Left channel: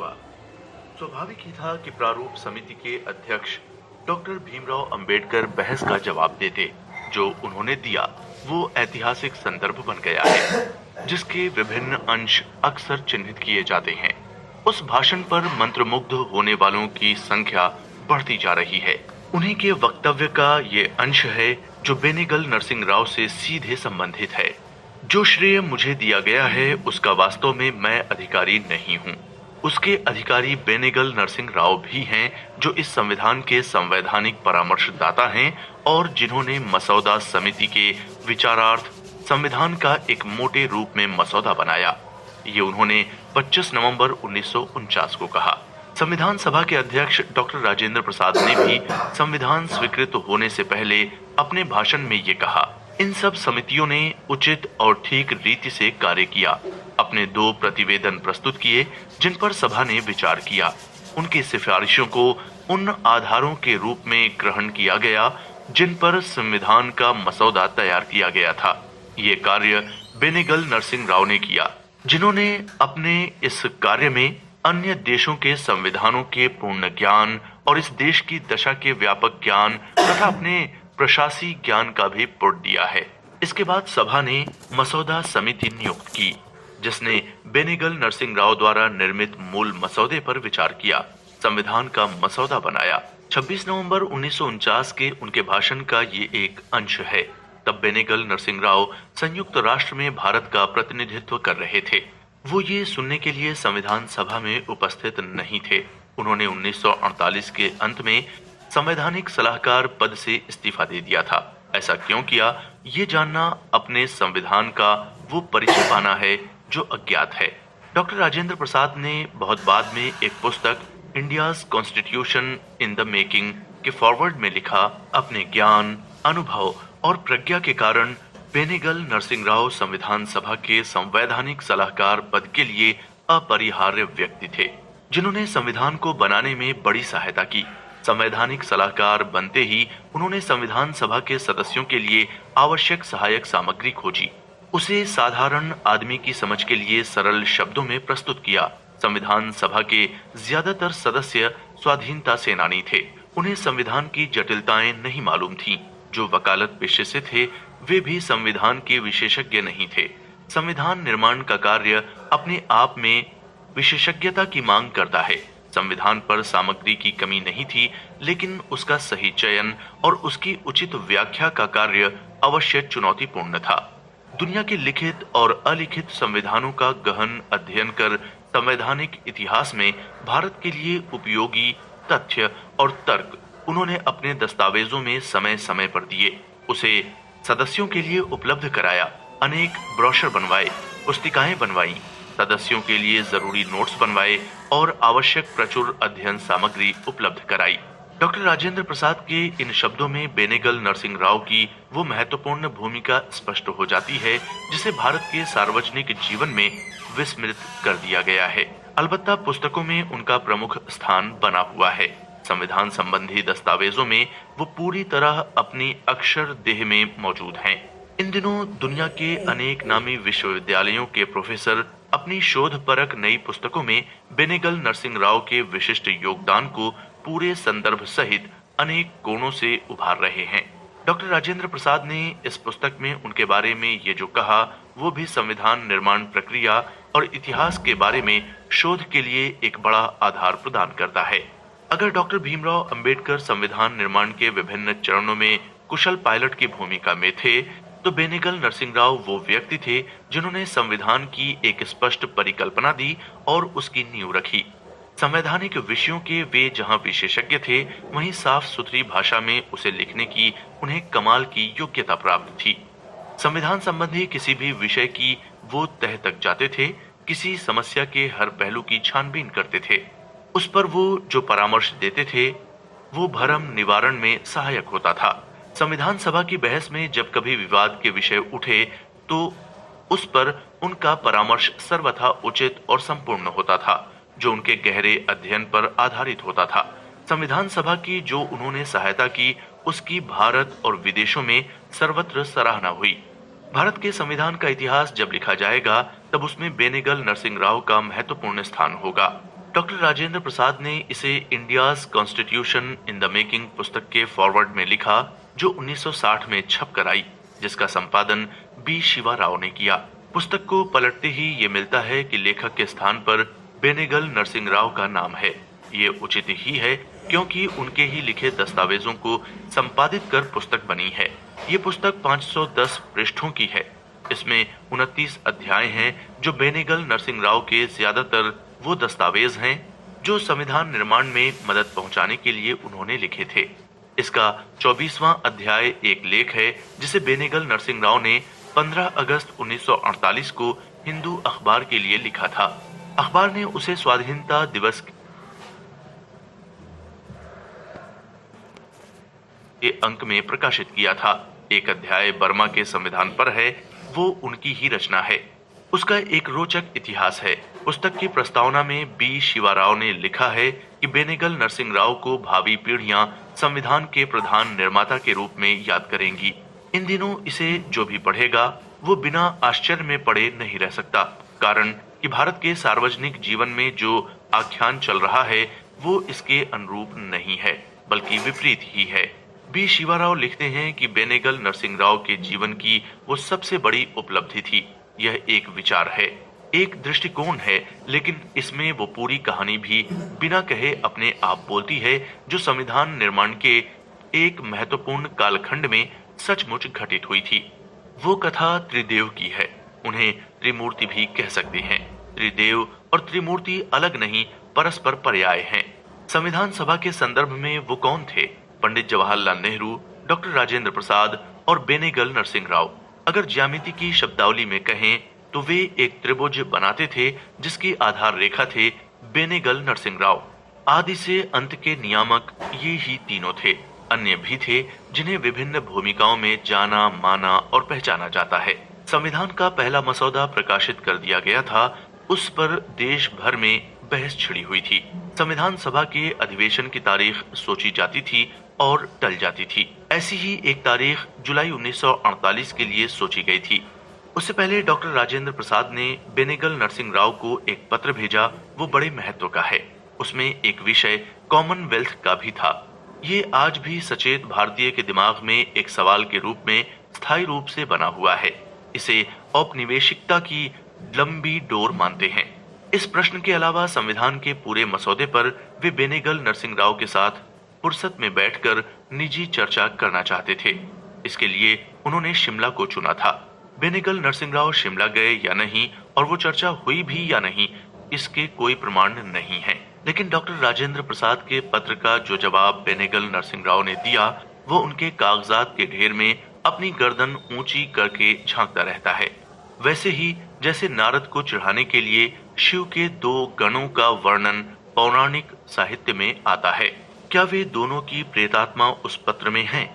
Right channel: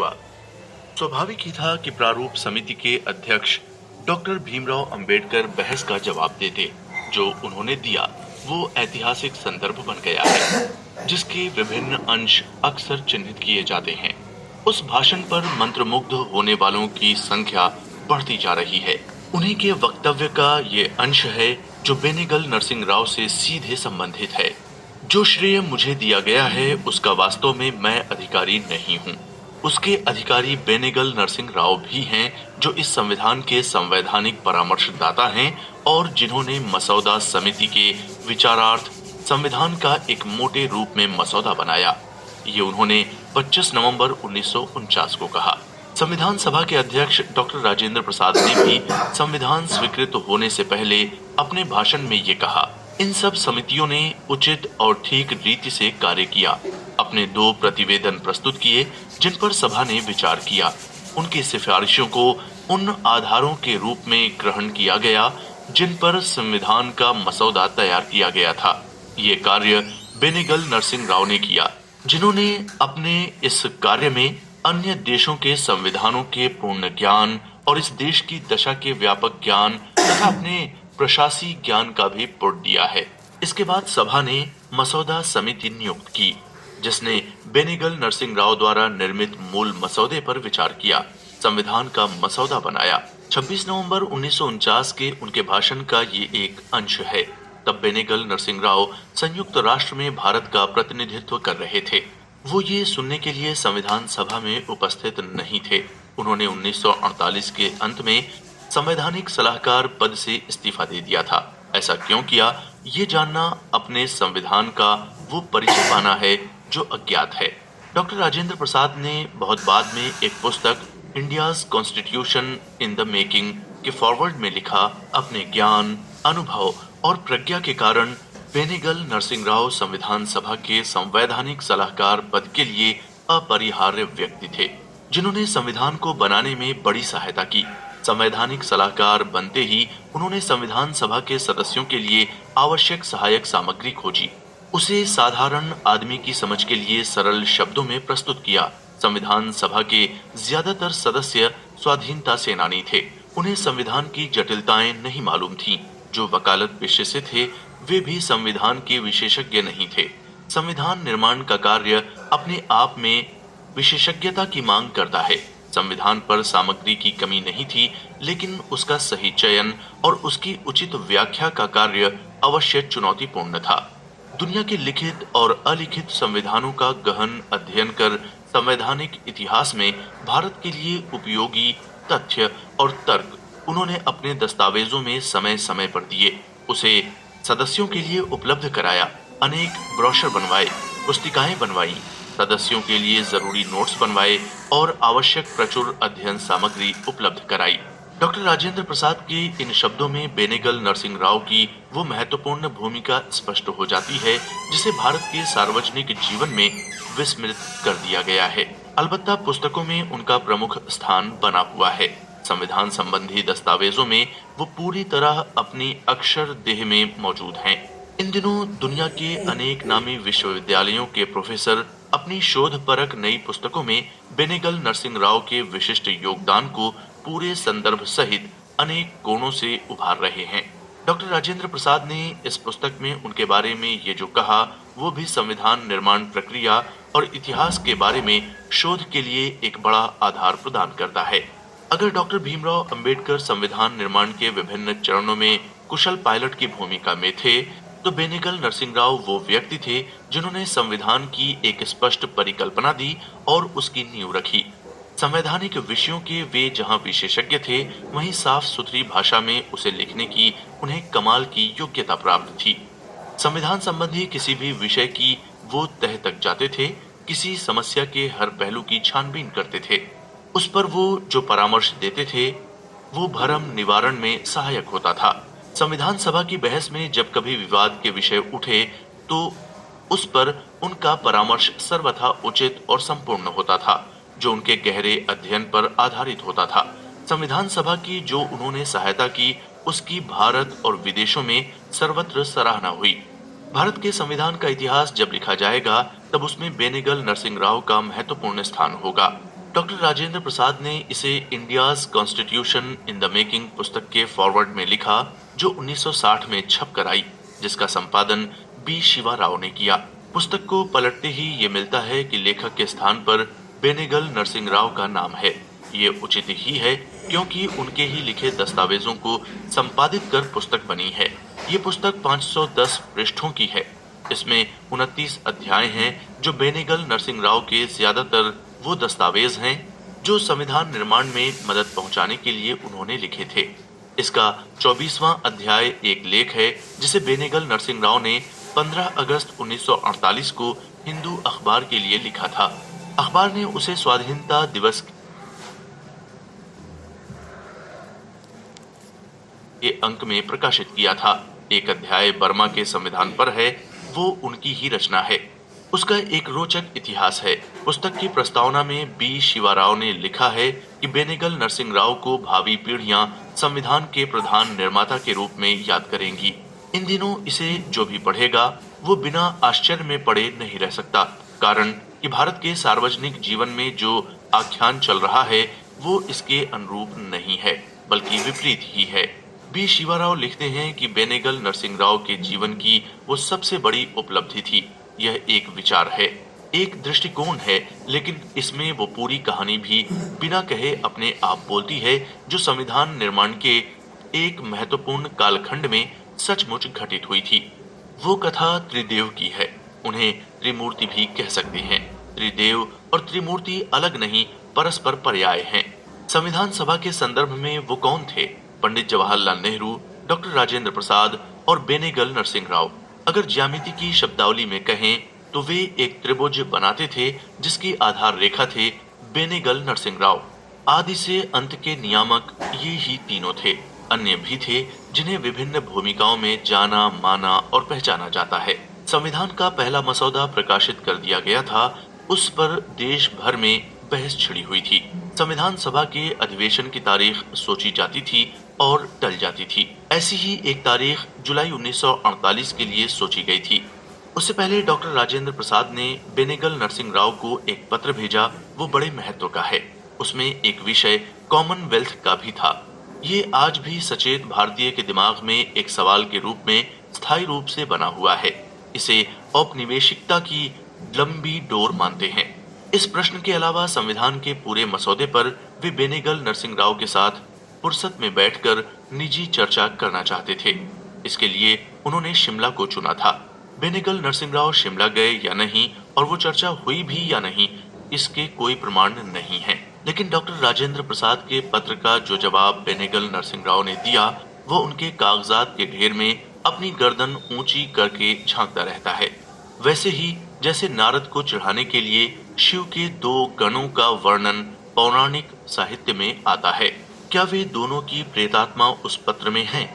हुआ। स्वाभाविक ही था कि प्रारूप समिति के अध्यक्ष डॉक्टर भीमराव अंबेडकर बहस का जवाब देते। जो उन्होंने दिया वो ऐतिहासिक संदर्भ बन गया है, जिसके विभिन्न अंश अक्सर चिन्हित किए जाते हैं। उस भाषण पर मंत्रमुग्ध होने वालों की संख्या बढ़ती जा रही है। उन्हीं के वक्तव्य का ये अंश है जो बेनेगल नरसिंह राव से सीधे संबंधित है। जो श्रेय मुझे दिया गया है उसका वास्तव में मैं अधिकारी नहीं हूँ। उसके अधिकारी बेनेगल नरसिंह राव भी हैं, जो इस संविधान के संवैधानिक परामर्शदाता हैं और जिन्होंने मसौदा समिति के विचारार्थ संविधान का एक मोटे रूप में मसौदा बनाया। ये उन्होंने 25 नवंबर 1949 को कहा। संविधान सभा के अध्यक्ष डॉक्टर राजेंद्र प्रसाद ने भी संविधान स्वीकृत होने से पहले अपने भाषण में ये कहा, इन सब समितियों ने उचित और ठीक रीति से कार्य किया। अपने 2 प्रतिवेदन प्रस्तुत किए जिन पर सभा ने विचार किया। उनकी सिफारिशों को उन आधारों के रूप में ग्रहण किया गया जिन पर संविधान का मसौदा तैयार किया गया था। ये कार्य बेनेगल नरसिंह राव ने किया, जिन्होंने अपने इस कार्य में अन्य देशों के संविधानों के पूर्ण ज्ञान और इस देश की दशा के व्यापक ज्ञान तथा अपने प्रशासी ज्ञान का भी पुट दिया है। इसके बाद सभा ने मसौदा समिति नियुक्त की, जिसने बेनेगल नरसिंह राव द्वारा निर्मित मूल मसौदे पर विचार किया, संविधान का मसौदा बनाया। 26 नवंबर 1949 के उनके भाषण का ये एक अंश है। तब बेनेगल नरसिंह राव संयुक्त राष्ट्र में भारत का प्रतिनिधित्व कर रहे थे। वो ये सुनने के लिए संविधान सभा में उपस्थित नहीं थे। उन्होंने 1948 के अंत में संवैधानिक सलाहकार पद से इस्तीफा दे दिया था। ऐसा क्यों किया, ये जानना अपने संविधान का वो परिचय पाना है जो अज्ञात है। डॉक्टर राजेंद्र प्रसाद ने बहुत बाद में एक पुस्तक India's constitution in the making के फॉरवर्ड में लिखा, अपने ज्ञान, अनुभव और प्रज्ञा के कारण बेनेगल नरसिंह राव संविधान सभा के संवैधानिक सलाहकार पद के लिए अपरिहार्य व्यक्ति थे, जिन्होंने संविधान को बनाने में बड़ी सहायता की। संवैधानिक सलाहकार बनते ही उन्होंने संविधान सभा के सदस्यों के लिए आवश्यक सहायक सामग्री खोजी, उसे साधारण आदमी की समझ के लिए सरल शब्दों में प्रस्तुत किया। संविधान सभा के ज्यादातर सदस्य स्वाधीनता सेनानी थे। उन्हें संविधान की जटिलताएं नहीं मालूम थीं। जो वकालत पेशे से थे वे भी संविधान के विशेषज्ञ नहीं थे। संविधान निर्माण का कार्य अपने आप में विशेषज्ञता की मांग करता है। संविधान पर सामग्री की कमी नहीं थी, लेकिन उसका सही चयन और उसकी उचित व्याख्या का कार्य अवश्य चुनौतीपूर्ण था। दुनिया के लिखित और अलिखित संविधानों का गहन अध्ययन कर संवैधानिक इतिहास में भारत के लिए उपयोगी तथ्य और तर्क उन्होंने अपने दस्तावेजों में समय समय पर दिए, उसे सदस्यों के लिए उपलब्ध कराया। अनेक ब्रोशर बनवाए, पुस्तिकाएं बनवाई, सदस्यों के लिए जरूरी नोट्स बनवाए और आवश्यक प्रचुर अध्ययन सामग्री उपलब्ध कराई। डॉक्टर राजेंद्र प्रसाद के इन शब्दों में बेनेगल नरसिंह राव की वो महत्वपूर्ण भूमिका स्पष्ट हो जाती है जिसे भारत के सार्वजनिक जीवन में विस्मृत कर दिया गया है। अलबत्ता पुस्तकों में उनका प्रमुख स्थान बना हुआ है। संविधान संबंधी दस्तावेजों में वो पूरी तरह अपनी अक्षर देह में मौजूद हैं। इन दिनों दुनिया के अनेक नामी विश्वविद्यालयों के प्रोफेसर अपनी शोधपरक नई पुस्तकों में बेनेगल नरसिंह राव के विशिष्ट योगदान को पूरे संदर्भ सहित अनेक कोणों से उभार रहे हैं। डॉक्टर राजेंद्र प्रसाद ने इस पुस्तक में उनके बारे में ये जो कहा वो भी संविधान निर्माण प्रक्रिया और इतिहास के बारे में शोध के लिए एक बड़ा आधार प्रदान करता है। अगर डॉक्टर भीमराव अंबेडकर संविधान निर्माण के विभिन्न चरणों में कुशल पायलट की भूमिका में थे, तो बेनेगल नरसिंह राव वो व्यक्ति थे जिन्होंने संविधान की एक स्पष्ट परिकल्पना दी और उसकी नींव रखी। संवैधानिक विषयों के वे जहां विशेषज्ञ थे, वहीं साफ सुथरी भाषा में उसे लिखने की उन्हें कमाल की योग्यता प्राप्त थी। संविधान संबंधी किसी भी विषय की वो तह तक जाते थे, किसी समस्या के हर पहलू की छानबीन करते थे। उस पर वो जो परामर्श देते थे वो भ्रम निवारण में सहायक होता था। संविधान सभा की बहस में जब कभी विवाद के विषय उठे तो उस पर उनका परामर्श सर्वथा उचित और संपूर्ण होता था, जो उनके गहरे अध्ययन पर आधारित होता था। संविधान सभा की जो उन्होंने सहायता की उसकी भारत और विदेशों में सर्वत्र सराहना हुई। भारत के संविधान का इतिहास जब लिखा जाएगा तब उसमें बेनेगल नरसिंह राव का महत्वपूर्ण स्थान होगा। डॉक्टर राजेंद्र प्रसाद ने इसे India's constitution in the making पुस्तक के फॉरवर्ड में लिखा, जो 1960 में छप कर आई, जिसका संपादन बी शिवा राव ने किया। पुस्तक को पलटते ही ये मिलता है कि लेखक के स्थान पर बेनेगल नरसिंह राव का नाम है। ये उचित ही है, क्योंकि उनके ही लिखे दस्तावेजों को संपादित कर पुस्तक बनी है। ये पुस्तक 510 पृष्ठों की है। इसमें 29 अध्याय हैं, जो बेनेगल नरसिंह राव के ज्यादातर वो दस्तावेज हैं जो संविधान निर्माण में मदद पहुंचाने के लिए उन्होंने लिखे थे। इसका 24वां अध्याय एक लेख है, जिसे बेनेगल नरसिंह राव ने 15 अगस्त 1948 को हिंदू अखबार के लिए लिखा था। अखबार ने उसे स्वाधीनता दिवस के अंक में प्रकाशित किया था। एक अध्याय बर्मा के संविधान पर है, वो उनकी ही रचना है। उसका एक रोचक इतिहास है। पुस्तक की प्रस्तावना में बी शिवा राव ने लिखा है कि बेनेगल नरसिंह राव को भावी पीढ़ियां संविधान के प्रधान निर्माता के रूप में याद करेंगी। इन दिनों इसे जो भी पढ़ेगा वो बिना आश्चर्य में पढ़े नहीं रह सकता, कारण कि भारत के सार्वजनिक जीवन में जो आख्यान चल रहा है वो इसके अनुरूप नहीं है, बल्कि विपरीत ही है। बी शिवा राव लिखते हैं कि बेनेगल नरसिंह राव के जीवन की वो सबसे बड़ी उपलब्धि थी। यह एक विचार है, एक दृष्टिकोण है, लेकिन इसमें वो पूरी कहानी भी बिना कहे अपने आप बोलती है, जो संविधान निर्माण के एक महत्वपूर्ण कालखंड में सचमुच घटित हुई थी। वो कथा त्रिदेव की है। उन्हें त्रिमूर्ति भी कह सकते हैं। त्रिदेव और त्रिमूर्ति अलग नहीं, परस्पर पर्याय हैं। संविधान सभा के संदर्भ में वो कौन थे? पंडित जवाहरलाल नेहरू, डॉक्टर राजेंद्र प्रसाद और बेनेगल नरसिंह राव। अगर ज्यामिति की शब्दावली में कहें तो वे एक त्रिभुज बनाते थे, जिसकी आधार रेखा थे बेनेगल नरसिंह राव। आदि से अंत के नियामक ये ही तीनों थे। अन्य भी थे जिन्हें विभिन्न भूमिकाओं में जाना, माना और पहचाना जाता है। संविधान का पहला मसौदा प्रकाशित कर दिया गया था। उस पर देश भर में बहस छिड़ी हुई थी। संविधान सभा के अधिवेशन की तारीख सोची जाती थी और टल जाती थी। ऐसी ही एक तारीख जुलाई 1948 के लिए सोची गई थी। उससे पहले डॉक्टर राजेंद्र प्रसाद ने बेनेगल नरसिंह राव को एक पत्र भेजा। वो बड़े महत्व का है। उसमें एक विषय कॉमनवेल्थ का भी था। ये आज भी सचेत भारतीय के दिमाग में एक सवाल के रूप में स्थायी रूप से बना हुआ है। इसे औपनिवेशिकता की लंबी डोर मानते हैं। इस प्रश्न के अलावा संविधान के पूरे मसौदे पर वे बेनेगल नरसिंह राव के साथ फुर्सत में बैठकर निजी चर्चा करना चाहते थे। इसके लिए उन्होंने शिमला को चुना था। बेनेगल नरसिंह राव शिमला गए या नहीं और वो चर्चा हुई भी या नहीं, इसके कोई प्रमाण नहीं है। लेकिन डॉक्टर राजेंद्र प्रसाद के पत्र का जो जवाब बेनेगल नरसिंह राव ने दिया, वो उनके कागजात के ढेर में अपनी गर्दन ऊंची करके झांकता रहता है। वैसे ही जैसे नारद को चढ़ाने के लिए शिव के 2 गणों का वर्णन पौराणिक साहित्य में आता है। क्या वे दोनों की प्रेतात्मा उस पत्र में हैं?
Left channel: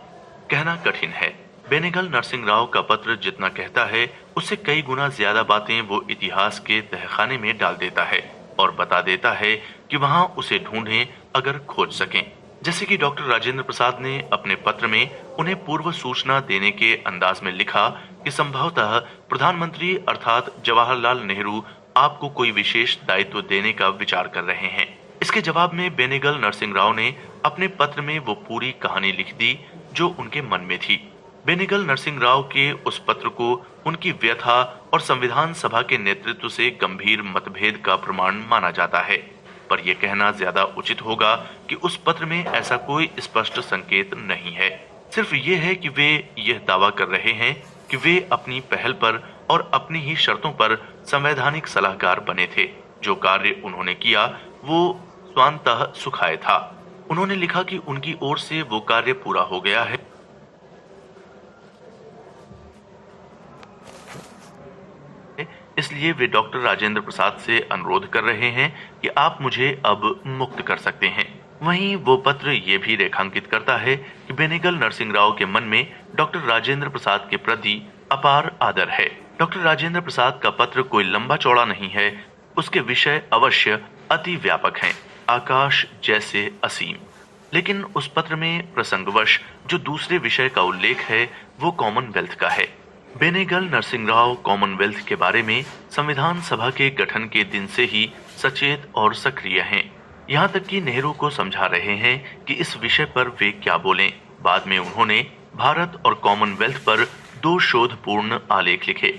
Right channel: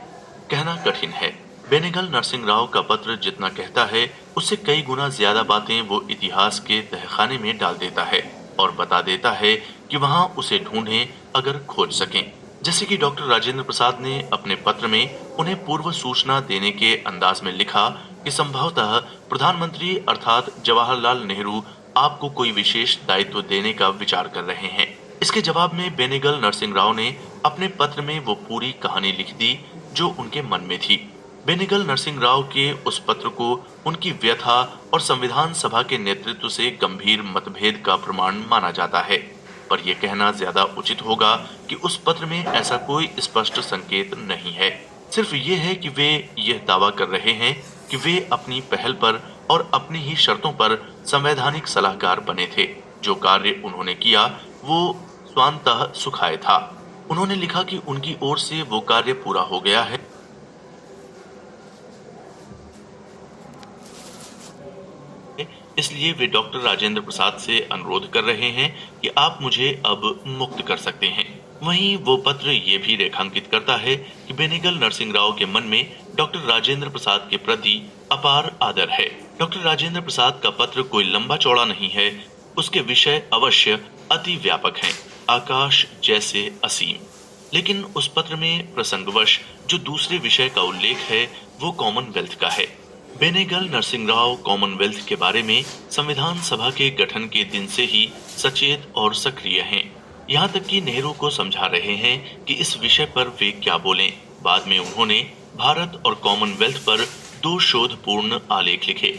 कहना कठिन है। बेनेगल नरसिंह राव का पत्र जितना कहता है, उससे कई गुना ज्यादा बातें वो इतिहास के तहखाने में डाल देता है और बता देता है कि वहां उसे ढूंढें अगर खोज सकें। जैसे कि डॉक्टर राजेंद्र प्रसाद ने अपने पत्र में उन्हें पूर्व सूचना देने के अंदाज में लिखा कि संभवतः प्रधानमंत्री अर्थात जवाहरलाल नेहरू आपको कोई विशेष दायित्व देने का विचार कर रहे हैं। इसके जवाब में बेनेगल नरसिंह राव ने अपने पत्र में वो पूरी कहानी लिख दी जो उनके मन में थी। बेनेगल नरसिंह राव के उस पत्र को उनकी व्यथा और संविधान सभा के नेतृत्व से गंभीर मतभेद का प्रमाण माना जाता है, पर यह कहना ज्यादा उचित होगा कि उस पत्र में ऐसा कोई स्पष्ट संकेत नहीं है। सिर्फ ये है कि वे यह दावा कर रहे हैं कि वे अपनी पहल पर और अपनी ही शर्तों पर संवैधानिक सलाहकार बने थे। जो कार्य उन्होंने किया वो स्वांतः सुखाय था। उन्होंने लिखा कि उनकी ओर से वो कार्य पूरा हो गया है, इसलिए वे डॉक्टर राजेंद्र प्रसाद से अनुरोध कर रहे हैं कि आप मुझे अब मुक्त कर सकते हैं। वहीं वो पत्र ये भी रेखांकित करता है कि बेनेगल नरसिंह राव के मन में डॉक्टर राजेंद्र प्रसाद के प्रति अपार आदर है। डॉक्टर राजेंद्र प्रसाद का पत्र कोई लंबा चौड़ा नहीं है, उसके विषय अवश्य अति व्यापक हैं, आकाश जैसे असीम। लेकिन उस पत्र में प्रसंगवश जो दूसरे विषय का उल्लेख है वो कॉमनवेल्थ का है। बेनेगल नरसिंह राव कॉमनवेल्थ के बारे में संविधान सभा के गठन के दिन से ही सचेत और सक्रिय हैं। यहाँ तक कि नेहरू को समझा रहे हैं कि इस विषय पर वे क्या बोलें। बाद में उन्होंने भारत और कॉमनवेल्थ पर 2 शोधपूर्ण आलेख लिखे।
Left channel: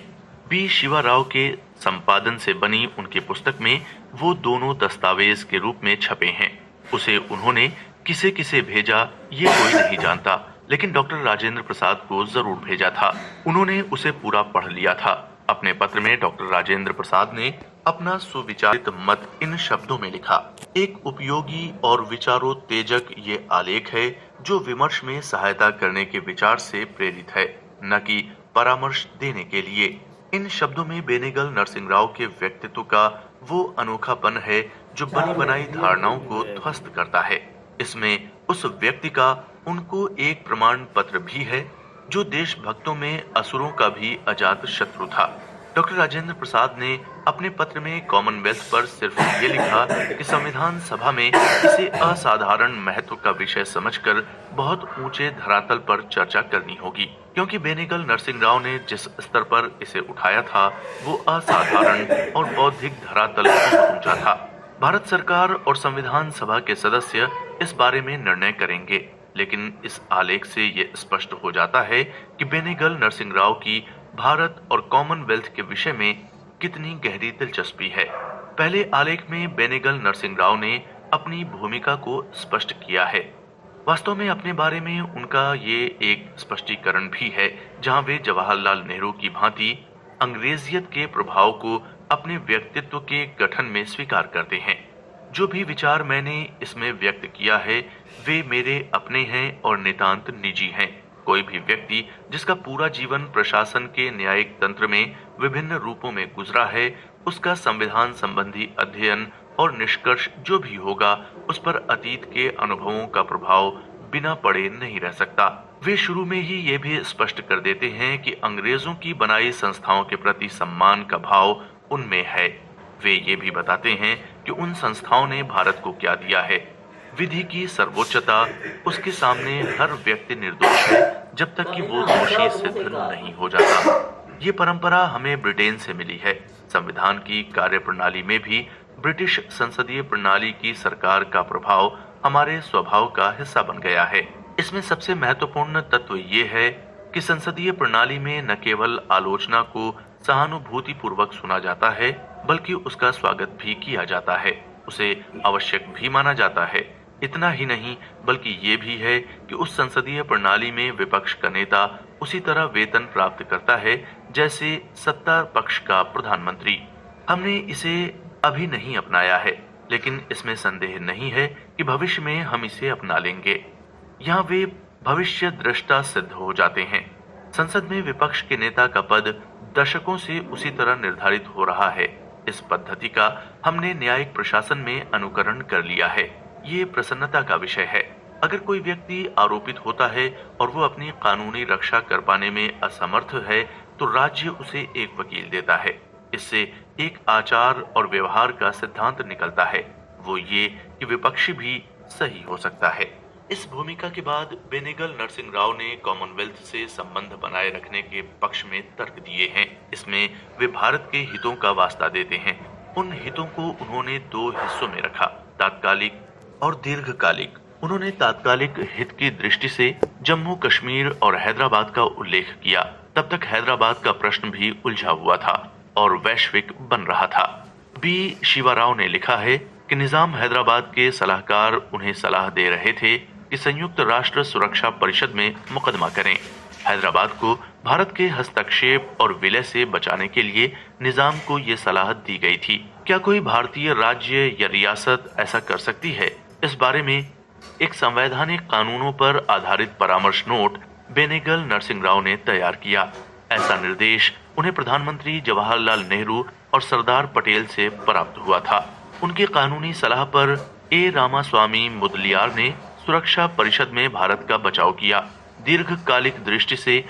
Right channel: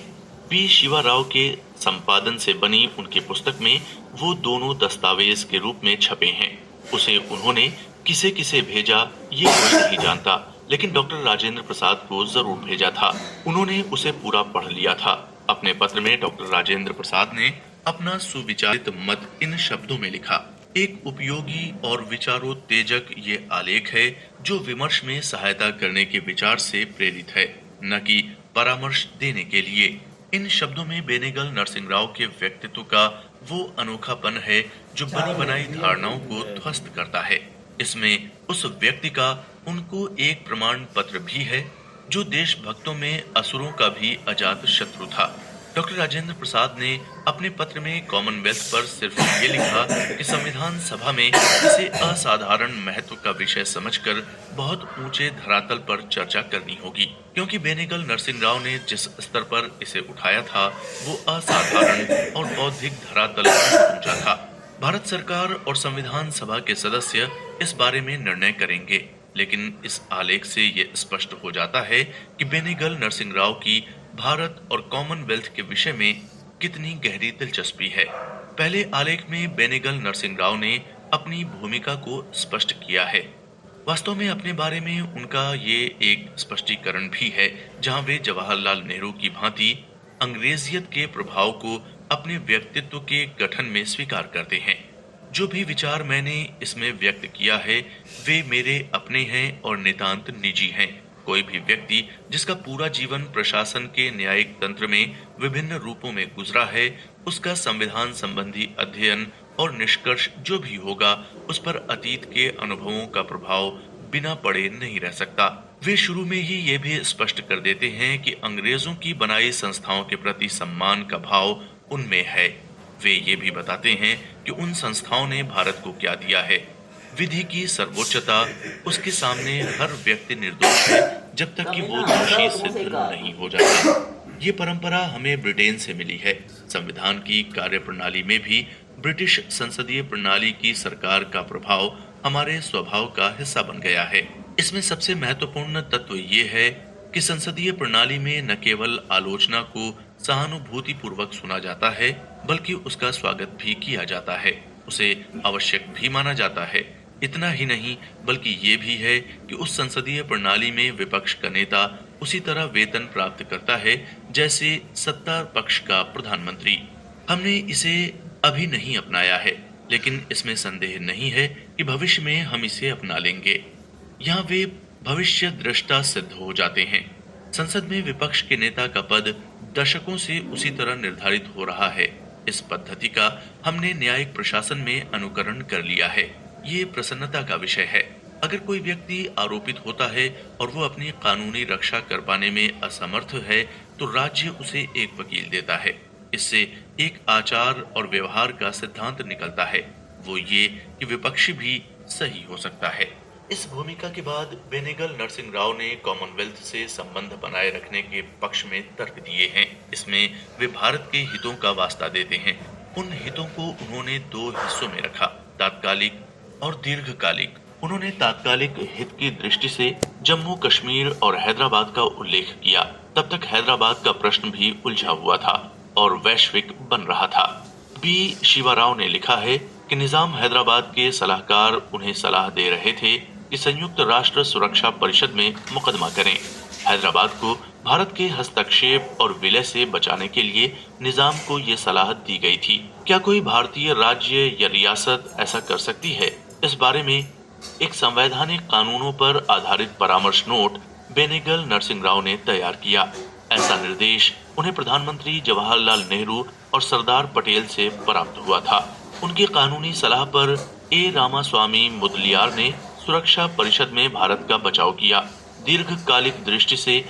बी शिवा राव के संपादन से बनी उनकी पुस्तक में वो दोनों दस्तावेज के रूप में छपे हैं। उसे उन्होंने किसे किसे भेजा ये कोई नहीं जानता, लेकिन डॉक्टर राजेंद्र प्रसाद को जरूर भेजा था। उन्होंने उसे पूरा पढ़ लिया था। अपने पत्र में डॉक्टर राजेंद्र प्रसाद ने अपना सुविचारित मत इन शब्दों में लिखा। एक उपयोगी और विचारोत्तेजक ये आलेख है जो विमर्श में सहायता करने के विचार से प्रेरित है, न कि परामर्श देने के लिए। इन शब्दों में बेनेगल नरसिंह राव के व्यक्तित्व का वो अनोखापन है जो बनी बनाई धारणाओं को ध्वस्त करता है। इसमें उस व्यक्ति का उनको एक प्रमाण पत्र भी है जो देशभक्तों में असुरों का भी अजात शत्रु था। डॉक्टर राजेंद्र प्रसाद ने अपने पत्र में कॉमनवेल्थ पर सिर्फ ये लिखा कि संविधान सभा में इसे असाधारण महत्व का विषय समझकर बहुत ऊंचे धरातल पर चर्चा करनी होगी, क्योंकि बेनेगल नरसिंह राव ने जिस स्तर पर इसे उठाया था वो असाधारण और बौद्धिक धरातल पर ऊंचा था। भारत सरकार और संविधान सभा के सदस्य इस बारे में निर्णय करेंगे, लेकिन इस आलेख से ये स्पष्ट हो जाता है कि बेनेगल नरसिंह राव की भारत और कॉमनवेल्थ के विषय में कितनी गहरी दिलचस्पी है। पहले आलेख में बेनेगल नरसिंह राव ने अपनी भूमिका को स्पष्ट किया है। वास्तव में अपने बारे में उनका ये एक स्पष्टीकरण भी है, जहां वे जवाहरलाल नेहरू की भांति अंग्रेजियत के प्रभाव को अपने व्यक्तित्व के गठन में स्वीकार करते हैं। जो भी विचार मैंने इसमें व्यक्त किया है वे मेरे अपने हैं और नितांत निजी हैं। कोई भी व्यक्ति जिसका पूरा जीवन प्रशासन के न्यायिक तंत्र में विभिन्न रूपों में गुजरा है, उसका संविधान संबंधी अध्ययन और निष्कर्ष जो भी होगा उस पर अतीत के अनुभवों का प्रभाव बिना पढ़े नहीं रह सकता। वे शुरू में ही ये भी स्पष्ट कर देते हैं कि अंग्रेजों की बनाई संस्थाओं के प्रति सम्मान का भाव उनमें है। वे ये भी बताते हैं कि उन संस्थाओं ने भारत को क्या दिया है। विधि की सर्वोच्चता, उसके सामने हर व्यक्ति निर्दोष है जब तक कि वो दोषी सिद्ध नहीं हो जाता। ये परंपरा हमें ब्रिटेन से मिली है। संविधान की कार्यप्रणाली में भी ब्रिटिश संसदीय प्रणाली की सरकार का प्रभाव हमारे स्वभाव का हिस्सा बन गया है। इसमें सबसे महत्वपूर्ण तत्व ये है कि संसदीय प्रणाली में न केवल आलोचना को सहानुभूति पूर्वक सुना जाता है, बल्कि उसका स्वागत भी किया जाता है, उसे आवश्यक भी माना जाता है। इतना ही नहीं, बल्कि ये भी है कि उस संसदीय प्रणाली में विपक्ष का नेता उसी तरह वेतन प्राप्त करता है जैसे सत्ता पक्ष का प्रधानमंत्री। हमने इसे अभी नहीं अपनाया है, लेकिन इसमें संदेह नहीं है कि भविष्य में हम इसे अपना लेंगे। यहाँ वे भविष्य दृष्टा सिद्ध हो जाते हैं। संसद में विपक्ष के नेता का पद दशकों से उसी तरह निर्धारित हो रहा है। इस पद्धति का हमने न्यायिक प्रशासन में अनुकरण कर लिया है। ये प्रसन्नता का विषय है। अगर कोई व्यक्ति आरोपित होता है और वो अपनी कानूनी रक्षा कर पाने में असमर्थ है, तो राज्य उसे एक वकील देता है। इससे एक आचार और व्यवहार का सिद्धांत निकलता है, वो ये कि विपक्षी भी सही हो सकता है। इस भूमिका के बाद बेनेगल नरसिंह राव ने कॉमनवेल्थ से संबंध बनाए रखने के पक्ष में तर्क दिए हैं। इसमें वे भारत के हितों का वास्ता देते हैं। उन हितों को उन्होंने 2 हिस्सों में रखा, तात्कालिक और दीर्घकालिक। उन्होंने तात्कालिक हित की दृष्टि से जम्मू कश्मीर और हैदराबाद का उल्लेख किया। तब तक हैदराबाद का प्रश्न भी उलझा हुआ था और वैश्विक बन रहा था। बी शिवा राव ने लिखा है कि निजाम हैदराबाद के सलाहकार उन्हें सलाह दे रहे थे कि संयुक्त राष्ट्र सुरक्षा परिषद में मुकदमा करें। हैदराबाद को भारत के हस्तक्षेप और विलय से बचाने के लिए निजाम को ये सलाह दी गई थी। क्या कोई भारतीय राज्य या रियासत ऐसा कर सकती है? इस बारे में एक संवैधानिक कानूनों पर आधारित परामर्श नोट बेनेगल नरसिंह राव ने तैयार किया। ऐसा निर्देश उन्हें प्रधानमंत्री जवाहरलाल नेहरू और सरदार पटेल से प्राप्त हुआ था। उनकी कानूनी सलाह पर ए रामास्वामी मुदलियार ने सुरक्षा परिषद में भारत का बचाव किया। दीर्घकालिक दृष्टि से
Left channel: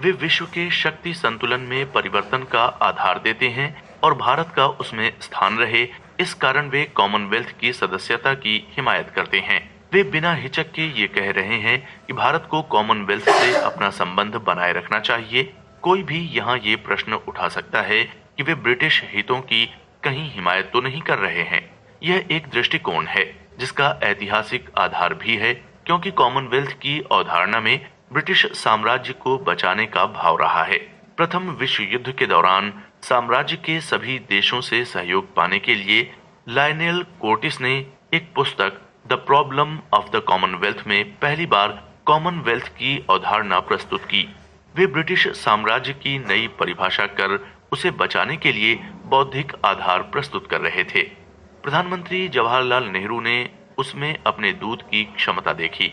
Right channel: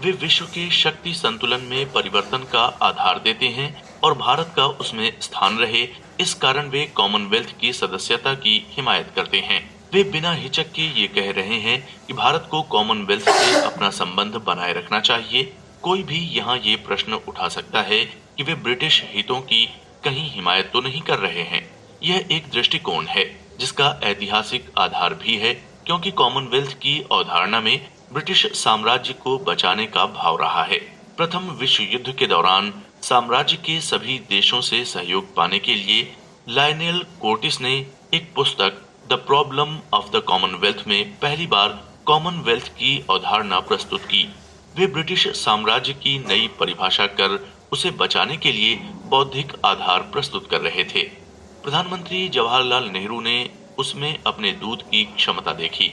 वे विश्व के शक्ति संतुलन में परिवर्तन का आधार देते हैं और भारत का उसमें स्थान रहे, इस कारण वे कॉमनवेल्थ की सदस्यता की हिमायत करते हैं। वे बिना हिचक के ये कह रहे हैं कि भारत को कॉमनवेल्थ से अपना संबंध बनाए रखना चाहिए। कोई भी यहाँ ये प्रश्न उठा सकता है कि वे ब्रिटिश हितों की कहीं हिमायत तो नहीं कर रहे हैं। यह एक दृष्टिकोण है जिसका ऐतिहासिक आधार भी है, क्योंकि कॉमनवेल्थ की अवधारणा में ब्रिटिश साम्राज्य को बचाने का भाव रहा है। प्रथम विश्व युद्ध के दौरान साम्राज्य के सभी देशों से सहयोग पाने के लिए लायनेल कोर्टिस ने एक पुस्तक the problem of the Commonwealth में पहली बार कॉमनवेल्थ की अवधारणा प्रस्तुत की। वे ब्रिटिश साम्राज्य की नई परिभाषा कर उसे बचाने के लिए बौद्धिक आधार प्रस्तुत कर रहे थे। प्रधानमंत्री जवाहरलाल नेहरू ने उसमें अपने दूत की क्षमता देखी।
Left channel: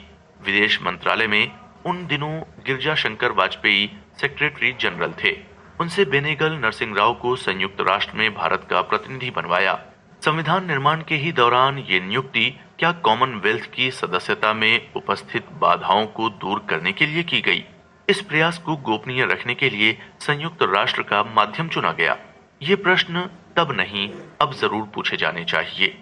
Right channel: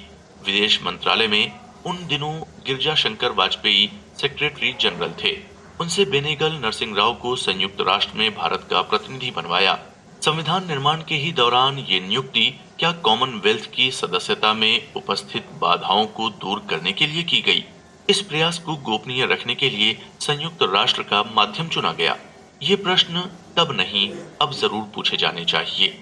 विदेश मंत्रालय में उन दिनों गिरजा शंकर वाजपेयी सेक्रेटरी जनरल थे। उनसे बेनेगल नरसिंह राव को संयुक्त राष्ट्र में भारत का प्रतिनिधि बनवाया। संविधान निर्माण के ही दौरान ये नियुक्ति क्या कॉमनवेल्थ की सदस्यता में उपस्थित बाधाओं को दूर करने के लिए की गई? इस प्रयास को गोपनीय रखने के लिए संयुक्त राष्ट्र का माध्यम चुना गया। ये प्रश्न तब नहीं, अब जरूर पूछे जाने चाहिए।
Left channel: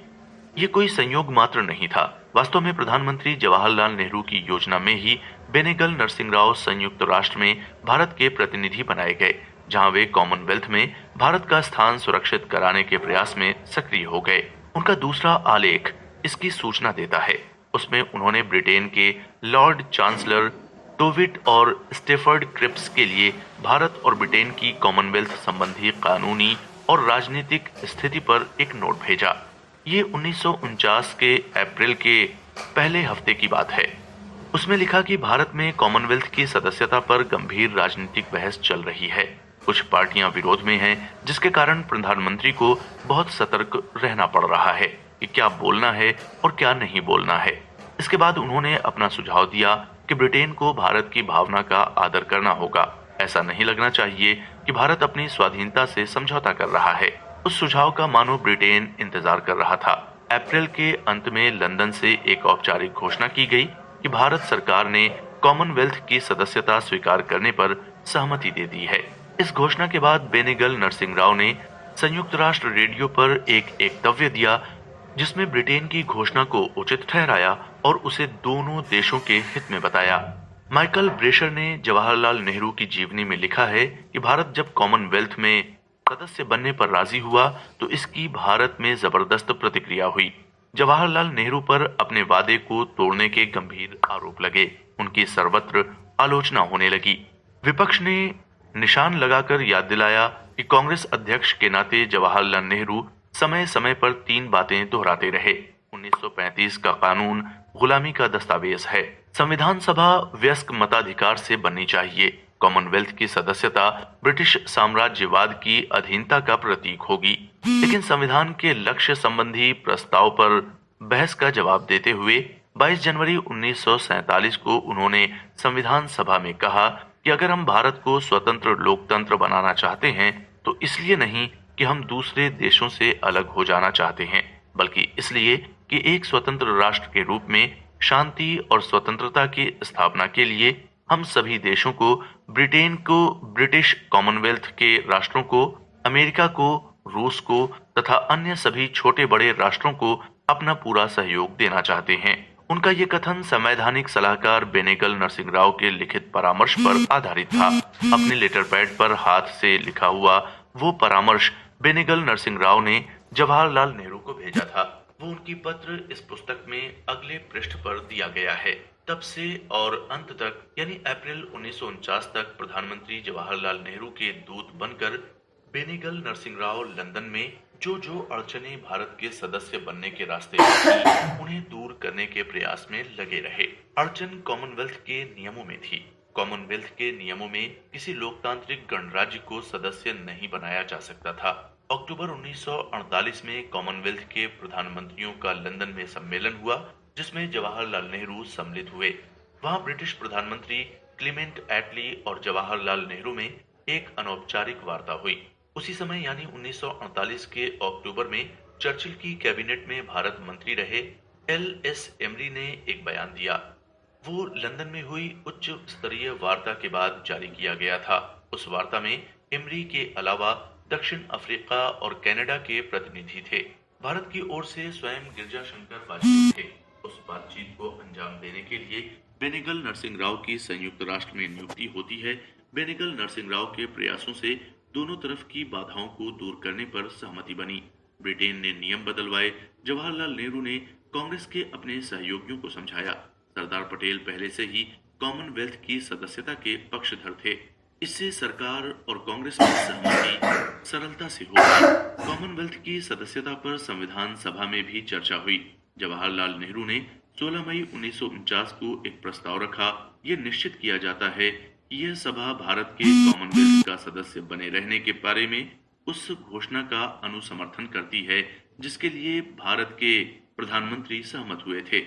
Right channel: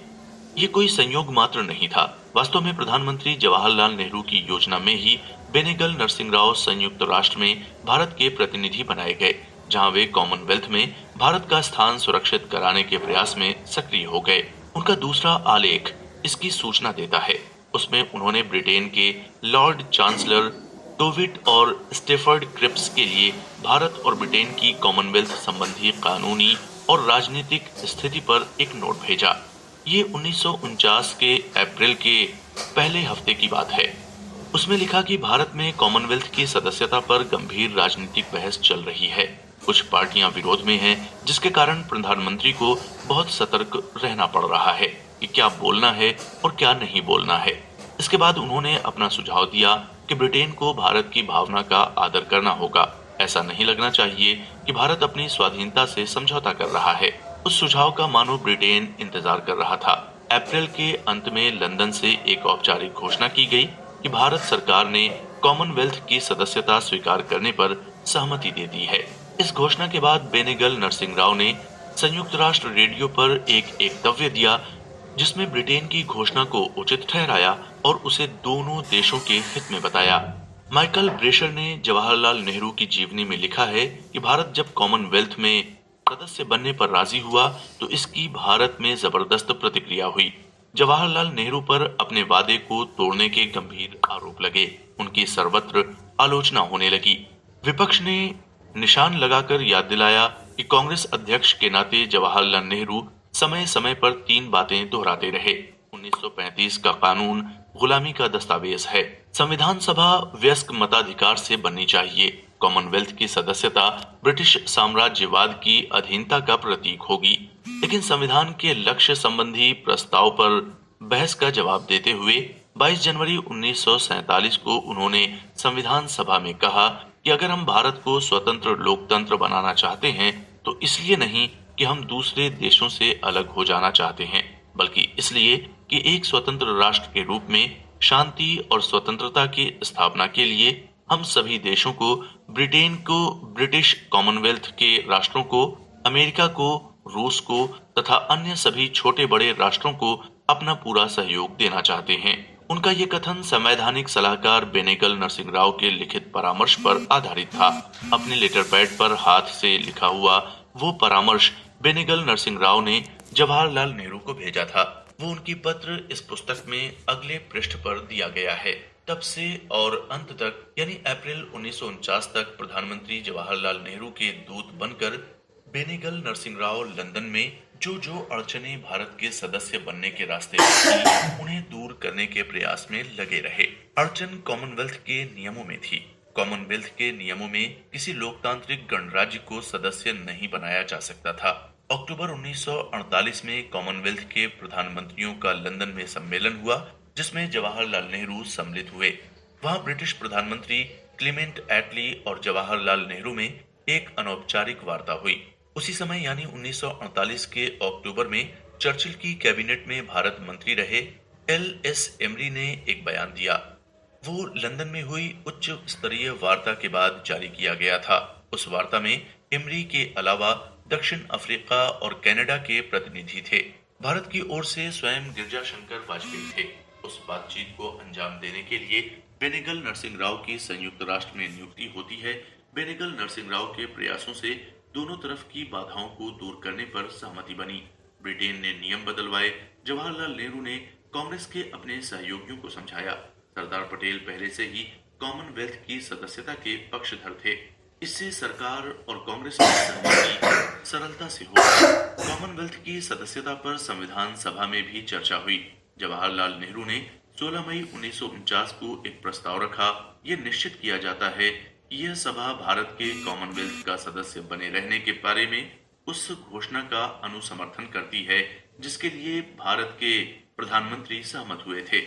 ये कोई संयोग मात्र नहीं था। वास्तव में प्रधानमंत्री जवाहरलाल नेहरू की योजना में ही बेनेगल नरसिंह राव संयुक्त राष्ट्र में भारत के प्रतिनिधि बनाए गए, जहां वे कॉमनवेल्थ में भारत का स्थान सुरक्षित कराने के प्रयास में सक्रिय हो गए। उनका दूसरा आलेख इसकी सूचना देता है। उसमें उन्होंने ब्रिटेन के लॉर्ड चांसलर टोविट और स्टेफर्ड क्रिप्स के लिए भारत और ब्रिटेन की कॉमनवेल्थ संबंधी कानूनी और राजनीतिक स्थिति पर एक नोट भेजा। ये 1949 के अप्रैल के पहले हफ्ते की बात है। उसमें लिखा कि भारत में कॉमनवेल्थ की सदस्यता पर गंभीर राजनीतिक बहस चल रही है। कुछ पार्टियां विरोध में हैं, जिसके कारण प्रधानमंत्री को बहुत सतर्क रहना पड़ रहा है कि क्या बोलना है और क्या नहीं बोलना है। इसके बाद उन्होंने अपना सुझाव दिया कि ब्रिटेन को भारत की भावना का आदर करना होगा। ऐसा नहीं लगना चाहिए कि भारत अपनी स्वाधीनता से समझौता कर रहा है। उस सुझाव का मानो ब्रिटेन इंतजार कर रहा था। अप्रैल के अंत में लंदन से एक औपचारिक घोषणा की गई कि भारत सरकार ने कॉमनवेल्थ की सदस्यता स्वीकार करने पर सहमति दे दी है। इस घोषणा के बाद बेनेगल नरसिंह राव ने संयुक्त राष्ट्र रेडियो पर एक वक्तव्य दिया, जिसमें ब्रिटेन की घोषणा को उचित ठहराया और उसे दोनों देशों के हित में बताया। माइकल ब्रेशर ने जवाहरलाल नेहरू की जीवनी में लिखा है कि भारत जब कॉमनवेल्थ में सदस्य बनने पर राजी हुआ तो इसकी भारत में जबरदस्त प्रतिक्रिया हुई। जवाहरलाल नेहरू पर अपने वादे को तोड़ने के गंभीर आरोप लगे। उनकी सर्वत्र आलोचना होने लगी। विपक्ष ने निशान लगाकर याद दिलाया कि कांग्रेस अध्यक्ष के नाते जवाहरलाल नेहरू समय समय पर तीन बातें दोहराते रहे। 1935 का कानून गुलामी का दस्तावेज है। संविधान सभा वयस्क मताधिकार से बननी चाहिए। कॉमनवेल्थ की सदस्यता ब्रिटिश साम्राज्यवाद की अधीनता का प्रतीक होगी। लेकिन संविधान के लक्ष्य संबंधी प्रस्ताव पर बहस का जवाब देते हुए 22 जनवरी 1947 को उन्होंने संविधान सभा में कहा कि अगर हम भारत को स्वतंत्र लोकतंत्र बनाना चाहते हैं तो इसलिए नहीं कि हम दूसरे देशों से अलग हो जाना चाहते हैं, बल्कि इसलिए कि एक स्वतंत्र राष्ट्र के रूप में शांति और स्वतंत्रता की स्थापना के लिए हम सभी देशों को, ब्रिटेन को, ब्रिटिश कॉमनवेल्थ के राष्ट्रों को, अमेरिका को, रूस को तथा अन्य सभी छोटे बड़े राष्ट्रों को अपना पूरा सहयोग देना चाहते हैं। उनका ये कथन संवैधानिक सलाहकार बेनेगल नरसिंह राव के लिखित परामर्श पर आधारित था। अपने लेटर पैड पर हाथ से लिखा हुआ वो परामर्श बेनेगल नरसिंह राव ने जवाहरलाल नेहरू को भेजा था। वो उनकी पत्र इस पुस्तक में अगले पृष्ठ पर दिया गया है। तब से और अंत तक यानी अप्रैल 1949 तक प्रधानमंत्री जवाहरलाल नेहरू के दूत बनकर बेनेगल नरसिंह राव लंदन में जो अड़चने भारत के सदस्य बनने के रास्ते थी, उन्हें दूर करने के प्रयास में लगे रहे। अड़चन कॉमनवेल्थ के नियमों में थी। कॉमनवेल्थ के नियमों में किसी लोकतांत्रिक गणराज्य को सदस्य नहीं बनाया जा सकता था। अक्टूबर 1948 में कॉमनवेल्थ के प्रधानमंत्रियों का लंदन में सम्मेलन हुआ, जिसमें जवाहरलाल नेहरू सम्मिलित हुए। वहां ब्रिटिश प्रधानमंत्री क्लीमेंट एटली और जवाहरलाल नेहरू में एक अनौपचारिक वार्ता हुई। उसी समय यानी 1948 के अक्टूबर में चर्चिल की कैबिनेट में भारत मंत्री रहे LS एमरी ने एक बयान दिया। वो लंदन में हुई उच्च स्तरीय वार्ता के बाद जारी किया गया था। उस वार्ता में एमरी के अलावा दक्षिण अफ्रीका और कनाडा के प्रतिनिधि थे। भारत की ओर से स्वयं गिरजा शंकर वाजपेयी थे। उस बातचीत को अंजाम देने के लिए बेनेगल नरसिंह राव की संयुक्त राष्ट्र में नियुक्ति होती है, बेनेगल नरसिंह राव के प्रयासों से दोनों तरफ की बाधाओं को दूर करने पर सहमति बनी। ब्रिटेन ने नियम बदलवाए। जवाहरलाल नेहरू ने कांग्रेस के अपने सहयोगियों को समझाया। सरदार पटेल पहले से ही कॉमनवेल्थ की सदस्यता के पक्षधर थे। इससे सरकार और कांग्रेस में सहमति सरलता से हो गई। कॉमनवेल्थ की सदस्यता पर संविधान सभा में भी चर्चा हुई। जवाहरलाल नेहरू ने 16 मई 1949 को एक प्रस्ताव रखा। यह निश्चित किया जाता है कि यह सभा भारत के कॉमनवेल्थ का सदस्य बने रहने के बारे में उस घोषणा का अनुसमर्थन करती है जिसके लिए भारत के प्रधानमंत्री सहमत हुए थे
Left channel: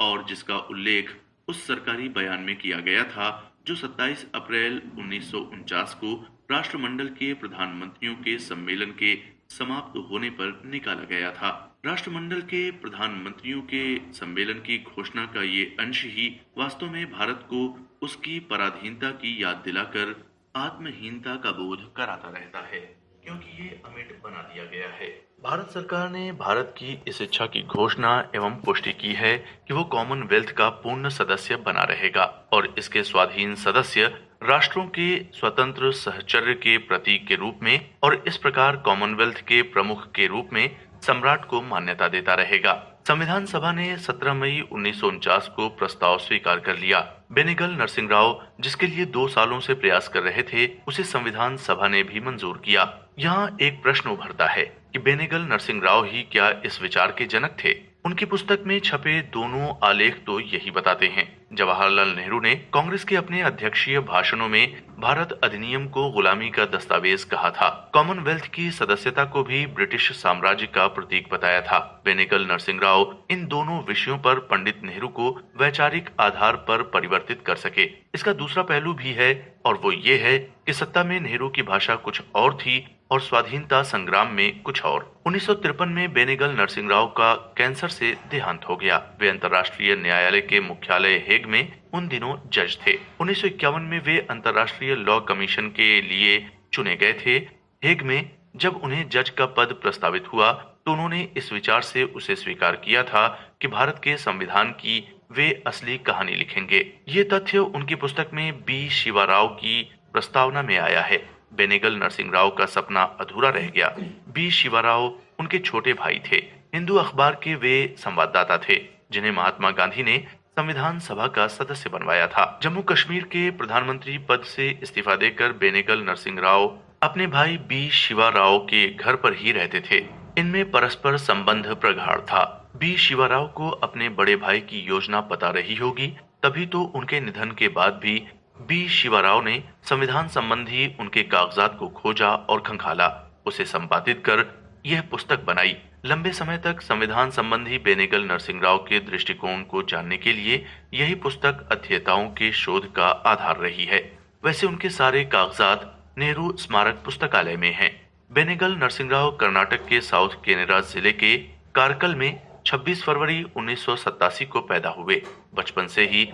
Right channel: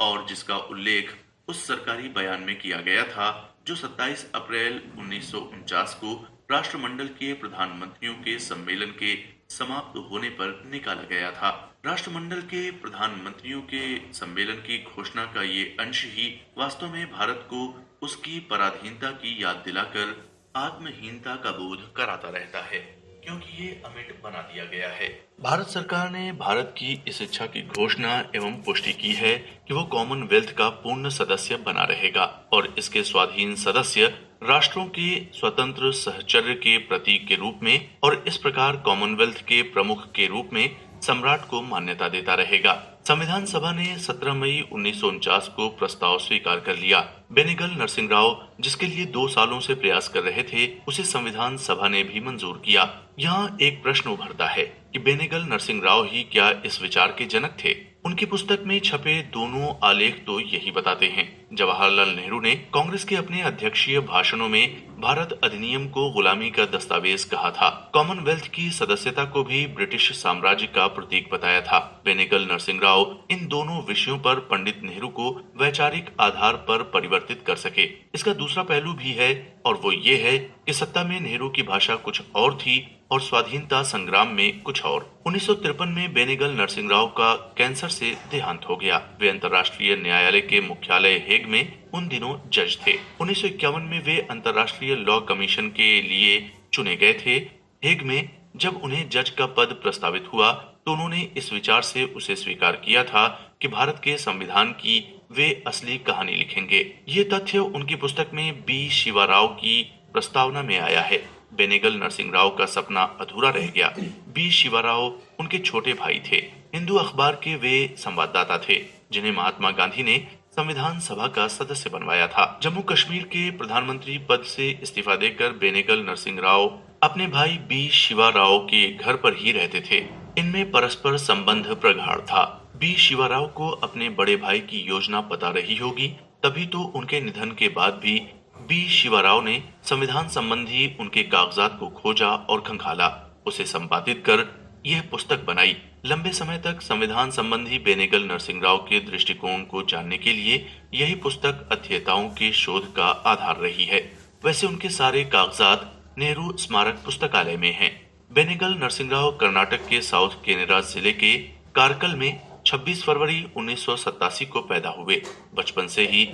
और जिसका उल्लेख उस सरकारी बयान में किया गया था जो 27 अप्रैल 1949 को राष्ट्रमंडल के प्रधानमंत्रियों के सम्मेलन के समाप्त होने पर निकाला गया था। राष्ट्रमंडल के प्रधानमंत्रियों के सम्मेलन की घोषणा का ये अंश ही वास्तव में भारत को उसकी पराधीनता की याद दिलाकर आत्महीनता का बोध कराता रहता है, क्योंकि ये अमिट बना दिया गया है। भारत सरकार ने भारत की इस इच्छा की घोषणा एवं पुष्टि की है कि वो कॉमनवेल्थ का पूर्ण सदस्य बना रहेगा और इसके स्वाधीन सदस्य राष्ट्रों के स्वतंत्र सहचर्य के प्रतीक के रूप में और इस प्रकार कॉमनवेल्थ के प्रमुख के रूप में सम्राट को मान्यता देता रहेगा। संविधान सभा ने 17 मई 1949 को प्रस्ताव स्वीकार कर लिया। बेनेगल नरसिंह राव जिसके लिए 2 सालों से प्रयास कर रहे थे, उसे संविधान सभा ने भी मंजूर किया। यहाँ एक प्रश्न उभरता है कि बेनेगल नरसिंह राव ही क्या इस विचार के जनक थे? उनकी पुस्तक में छपे दोनों आलेख तो यही बताते हैं। जवाहरलाल नेहरू ने कांग्रेस के अपने अध्यक्षीय भाषणों में भारत अधिनियम को गुलामी का दस्तावेज कहा था। कॉमनवेल्थ की सदस्यता को भी ब्रिटिश साम्राज्य का प्रतीक बताया था। बेनेगल नरसिंह राव इन दोनों विषयों पर पंडित नेहरू को वैचारिक आधार पर परिवर्तित कर सके। इसका दूसरा पहलू भी है और वो ये है कि सत्ता में नेहरू की भाषा कुछ और थी और स्वाधीनता संग्राम में कुछ और। 1953 में बेनेगल नरसिंह राव का कैंसर से देहांत हो गया। वे अंतर्राष्ट्रीय न्यायालय के मुख्यालय हेग में उन दिनों जज थे। 1951 में वे अंतर्राष्ट्रीय लॉ कमीशन के लिए चुने गए थे। हेग में जब उन्हें जज का पद प्रस्तावित हुआ तो उन्होंने इस विचार से उसे स्वीकार किया था कि भारत के संविधान की वे असली कहानी लिखेंगे। ये तथ्य उनकी पुस्तक में बी शिवा राव की प्रस्तावना में आया है। बेनेगल नरसिंह राव का सपना अधूरा रह गया। बी शिवा राव उनके छोटे भाई थे। हिंदू अखबार के वे संवाददाता थे जिन्हें महात्मा गांधी ने संविधान सभा का सदस्य बनवाया था। जम्मू कश्मीर के प्रधानमंत्री पद से इस्तीफा देकर बेनेगल नरसिंह राव अपने भाई बी शिवा राव के घर पर ही रहते थे। इनमें परस्पर संबंध प्रगाढ़ था। बी शिवा राव को अपने बड़े भाई की योजना पता रही होगी, तभी तो उनके निधन के बाद भी बी शिवा राव ने संविधान संबंधी उनके कागजात को खोजा और खंगाला, उसे संपादित कर यह पुस्तक बनाई। लंबे समय तक संविधान संबंधी बेनेगल नरसिंह राव के दृष्टिकोण को जानने के लिए यही पुस्तक अध्येताओं के शोध का आधार रही है। वैसे उनके सारे कागजात नेहरू स्मारक पुस्तकालय में हैं। बेनेगल नरसिंह राव कर्नाटक के साउथ केनेरा जिले के कारकल में 26 फरवरी 1987 को पैदा हुए। बचपन से ही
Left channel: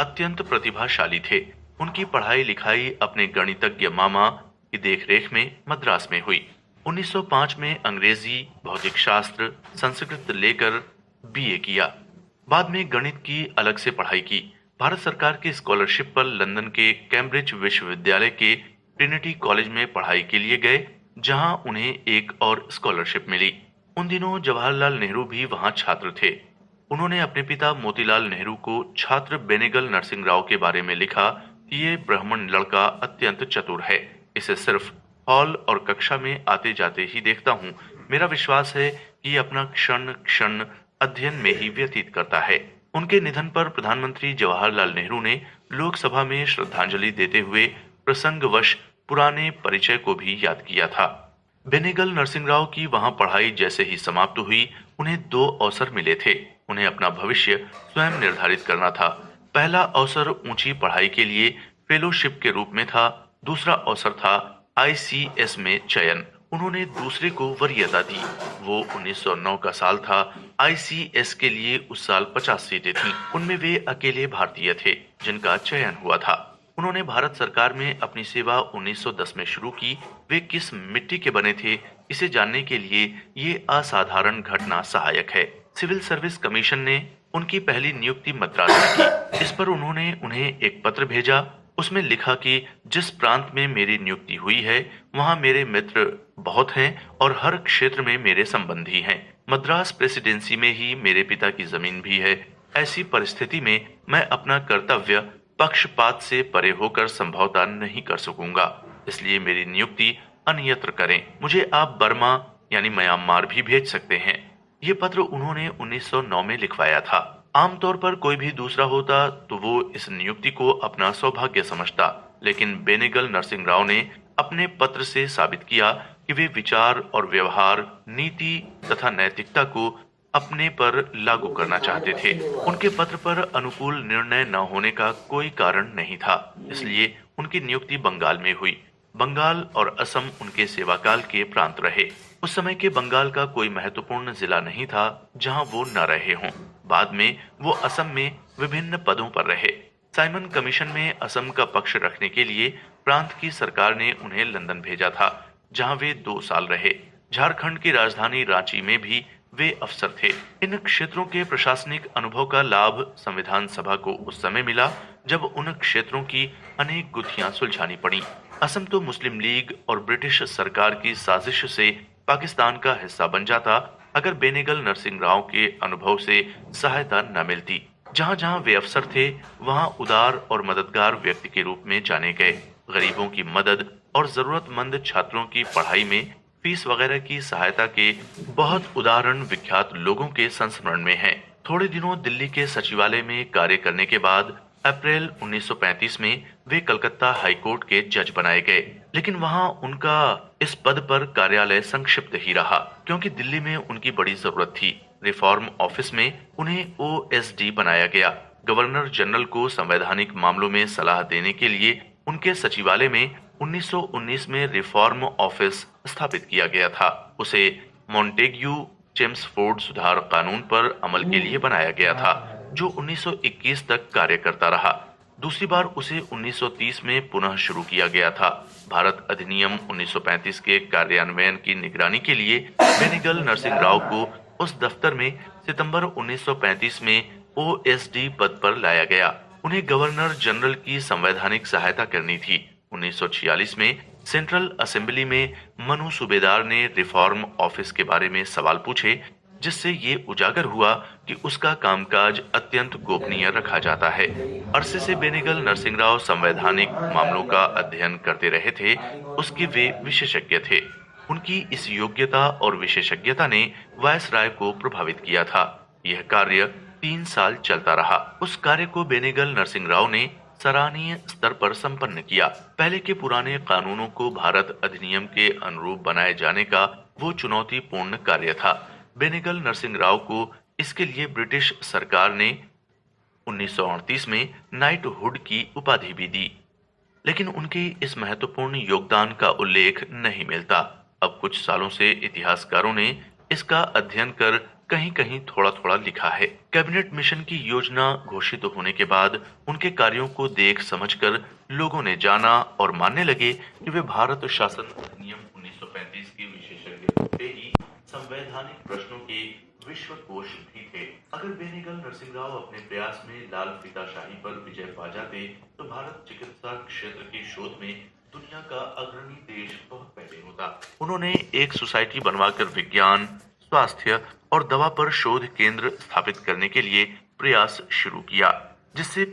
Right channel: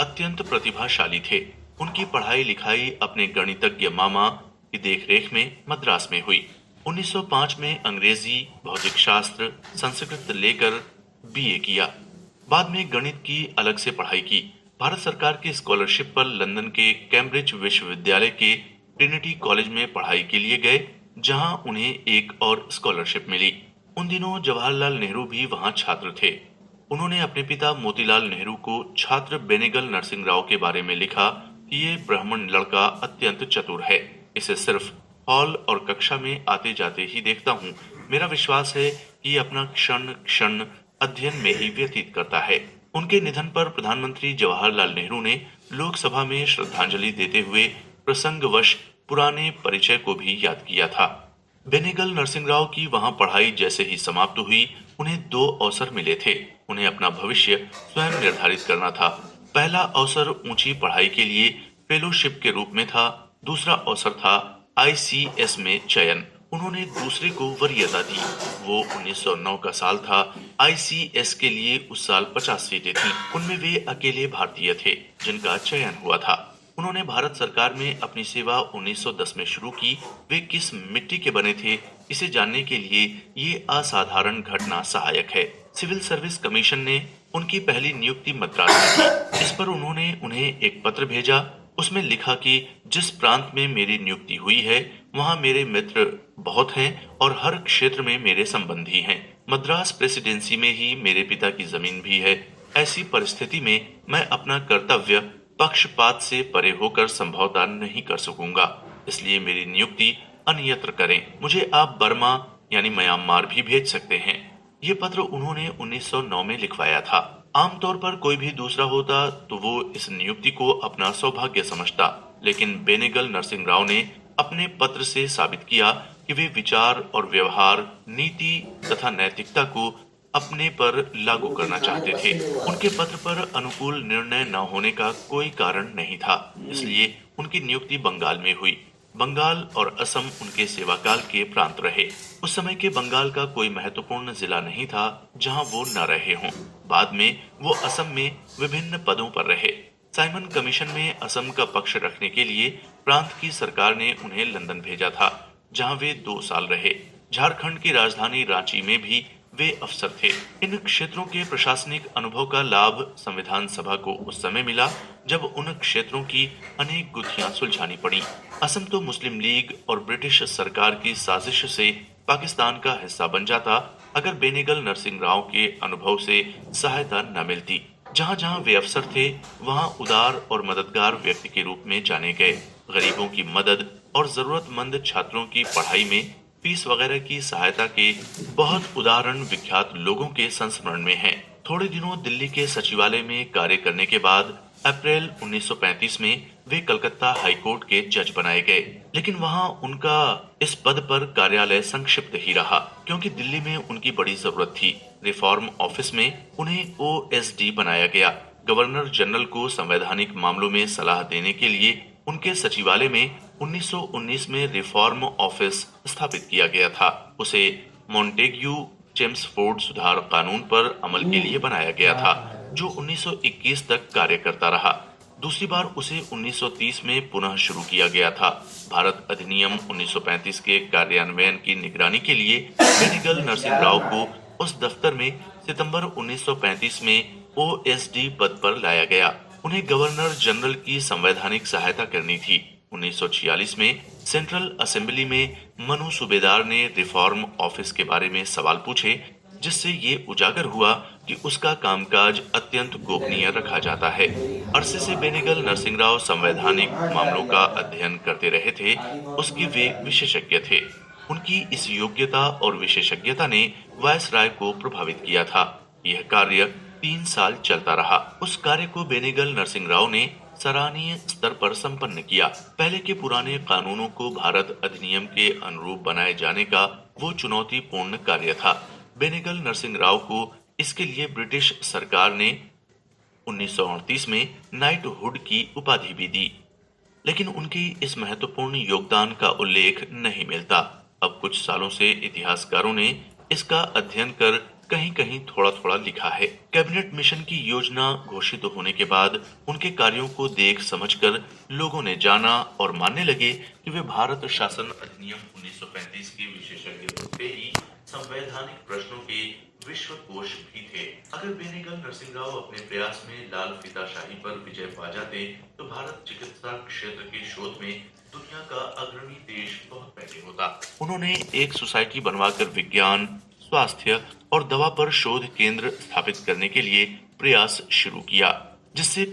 अत्यंत प्रतिभाशाली थे। उनकी पढ़ाई लिखाई अपने गणितज्ञ मामा की देखरेख में मद्रास में हुई। 1905 में अंग्रेजी, भौतिक शास्त्र, संस्कृत लेकर बीए किया। बाद में गणित की अलग से पढ़ाई की। भारत सरकार की स्कॉलरशिप पर लंदन के कैम्ब्रिज विश्वविद्यालय के ट्रिनिटी कॉलेज में पढ़ाई के लिए गए, जहां उन्हें एक और स्कॉलरशिप मिली। उन दिनों जवाहरलाल नेहरू भी वहां छात्र थे। उन्होंने अपने पिता मोतीलाल नेहरू को छात्र बेनेगल नरसिंह राव के बारे में लिखा कि ये ब्राह्मण लड़का अत्यंत चतुर है। इसे सिर्फ हॉल और कक्षा में आते जाते ही देखता हूँ। मेरा विश्वास है कि ये अपना क्षण क्षण अध्ययन में ही व्यतीत करता है। उनके निधन पर प्रधानमंत्री जवाहरलाल नेहरू ने लोकसभा में श्रद्धांजलि देते हुए प्रसंगवश पुराने परिचय को भी याद किया था। बेनेगल नरसिंह राव की वहां पढ़ाई जैसे ही समाप्त हुई, उन्हें 2 अवसर मिले थे। उन्हें अपना भविष्य स्वयं निर्धारित करना था। पहला अवसर ऊंची पढ़ाई के लिए फेलोशिप के रूप में था। दूसरा अवसर था आईसीएस में चयन। उन्होंने दूसरे को वरीयता दी। वो 1909 का साल था। आईसीएस के लिए उस साल 50 सीटें थीं। उनमें वे अकेले भारतीय थे जिनका चयन हुआ था। उन्होंने भारत सरकार में अपनी सेवा 1910 में शुरू की। वे किस मिट्टी के बने थे, इसे जानने के लिए ये असाधारण घटना सहायक है। सिविल सर्विस कमीशन ने उनकी पहली नियुक्ति मद्रास में की। इस पर उन्होंने उन्हें एक पत्र भेजा उसमें लिखा कि जिस प्रांत में मेरी नियुक्ति हुई है वहां मेरे मित्र बहुत हैं और हर क्षेत्र में मेरे संबंधी हैं। मद्रास प्रेसिडेंसी में ही मेरे पिता की जमीन भी है। ऐसी परिस्थिति में मैं अपना कर्तव्य पक्षपात से परे होकर संभवतः नहीं कर सकूंगा, इसलिए मेरी नियुक्ति अन्यत्र करें। मुझे आप बर्मा यानी म्यांमार भी भेज सकते हैं। ये पत्र उन्होंने 1909 में लिखवाया था। आमतौर पर कोई भी दूसरा होता तो वो इस नियुक्ति को अपना सौभाग्य समझता, लेकिन बेनेगल नरसिंह राव ने अपने पत्र से साबित किया कि वे विचार और व्यवहार, नीति तथा नैतिकता को अपने पर लागू करना चाहते थे। उनके पत्र पर अनुकूल निर्णय न होने का कोई कारण नहीं था, इसलिए उनकी नियुक्ति बंगाल में हुई। बंगाल और असम उनके सेवाकाल के प्रांत रहे। उस समय के बंगाल का कोई महत्वपूर्ण जिला नहीं था जहां वो न रहे हों। बाद में वो असम में विभिन्न पदों पर रहे। साइमन कमीशन में असम का पक्ष रखने के लिए प्रांत की सरकार ने उन्हें लंदन भेजा था, जहां वे 2 साल रहे। झारखंड की राजधानी रांची में भी वे अफसर थे। इन क्षेत्रों के प्रशासनिक अनुभव का लाभ संविधान सभा को उस समय मिला जब उन क्षेत्रों की अनेक गुत्थियां सुलझानी पड़ी। असम तो मुस्लिम लीग और ब्रिटिश सरकार की साजिश से पाकिस्तान का हिस्सा बन जाता अगर बेनेगल नरसिंह राव के अनुभव से सहायता न मिलती। जहां जहां वे अफसर थे वहां उदार और मददगार व्यक्ति के रूप में जाने गए। गरीबों की मदद और जरूरतमंद छात्रों की पढ़ाई में फीस वगैरह की सहायता के बहुत उदाहरण विख्यात लोगों के संस्मरण में हैं। थोड़े दिनों दिल्ली के सचिवालय में कार्य करने के बाद अप्रैल 1935 में वे कलकत्ता हाईकोर्ट के जज बनाए गए, लेकिन वहां उनका इस पद पर कार्यालय संक्षिप्त ही रहा क्योंकि दिल्ली में उनकी बड़ी जरूरत थी। रिफॉर्म ऑफिस में उन्हें ओएसडी बनाया गया। गवर्नर जनरल को संवैधानिक मामलों में सलाह देने के लिए उनके सचिवालय में 1919 में रिफॉर्म ऑफिस स्थापित किया गया था। उसे मॉन्टेग्यू चेम्सफोर्ड सुधार कानून पर अमल के लिए बनाया गया था, जो 1921 तक कार्य करता रहा। दूसरी बार उसे 1930 में पुनः शुरू किया गया था। भारत अधिनियम 1935 के कार्यान्वयन की निगरानी के लिए बेनेगल नरसिंह राव को उस दफ्तर में सितंबर 1935 में ओएसडी पद पर लाया गया। उन्हें गवर्नर जनरल की संवैधानिक सहायता करनी थी। 1946 में सेंट्रल असेंबली में मनु सूबेदार ने रिफॉर्म ऑफिस के बारे में सवाल पूछे, जिससे ये उजागर हुआ कि उसका कामकाज अत्यंत गोपनीय रखा जाता है। अरसे से बेनेगल नरसिंह राव संवैधानिक मामलों का अध्ययन करते रहे थे, उसके वे विशेषज्ञ थे। उनकी इस योग्यता और विशेषज्ञता ने वायसराय को प्रभावित किया था। यह कार्य 3 साल चलता रहा। उस कार्य को बेनेगल नरसिंह राव ने सराहनीय स्तर पर संपन्न किया। पहले के पुराने कानूनों को भारत अधिनियम के अनुरूप बनाए जाने का वो चुनौतीपूर्ण कार्य था। बेनेगल नरसिंह राव को इसके लिए ब्रिटिश सरकार ने 1938 में नाइटहुड की उपाधि भी दी, लेकिन उनके इस महत्वपूर्ण योगदान का उल्लेख नहीं मिलता। अब कुछ सालों से इतिहासकारों ने इसका अध्ययन कर कहीं कहीं थोड़ा थोड़ा लिखा है। कैबिनेट मिशन की योजना घोषित होने के बाद उनके कार्यों को देख समझकर लोगों ने जाना और मानने लगे कि वे भारत शासन अधिनियम 1935 के विशेषज्ञ थे ही संवैधानिक प्रश्नों के विश्वकोश भी थे। अगर बेनेगल नरसिंह राव अपने प्रयास में लाल फीताशाही पर विजय पा जाते तो भारत चिकित्सा क्षेत्र के शोध में दुनिया का अग्रणी देश बहुत पहले होता। उन्होंने एक सोसाइटी बनवाकर विज्ञान, स्वास्थ्य और दवा पर शोध केंद्र स्थापित करने के लिए प्रयास शुरू किया, जिससे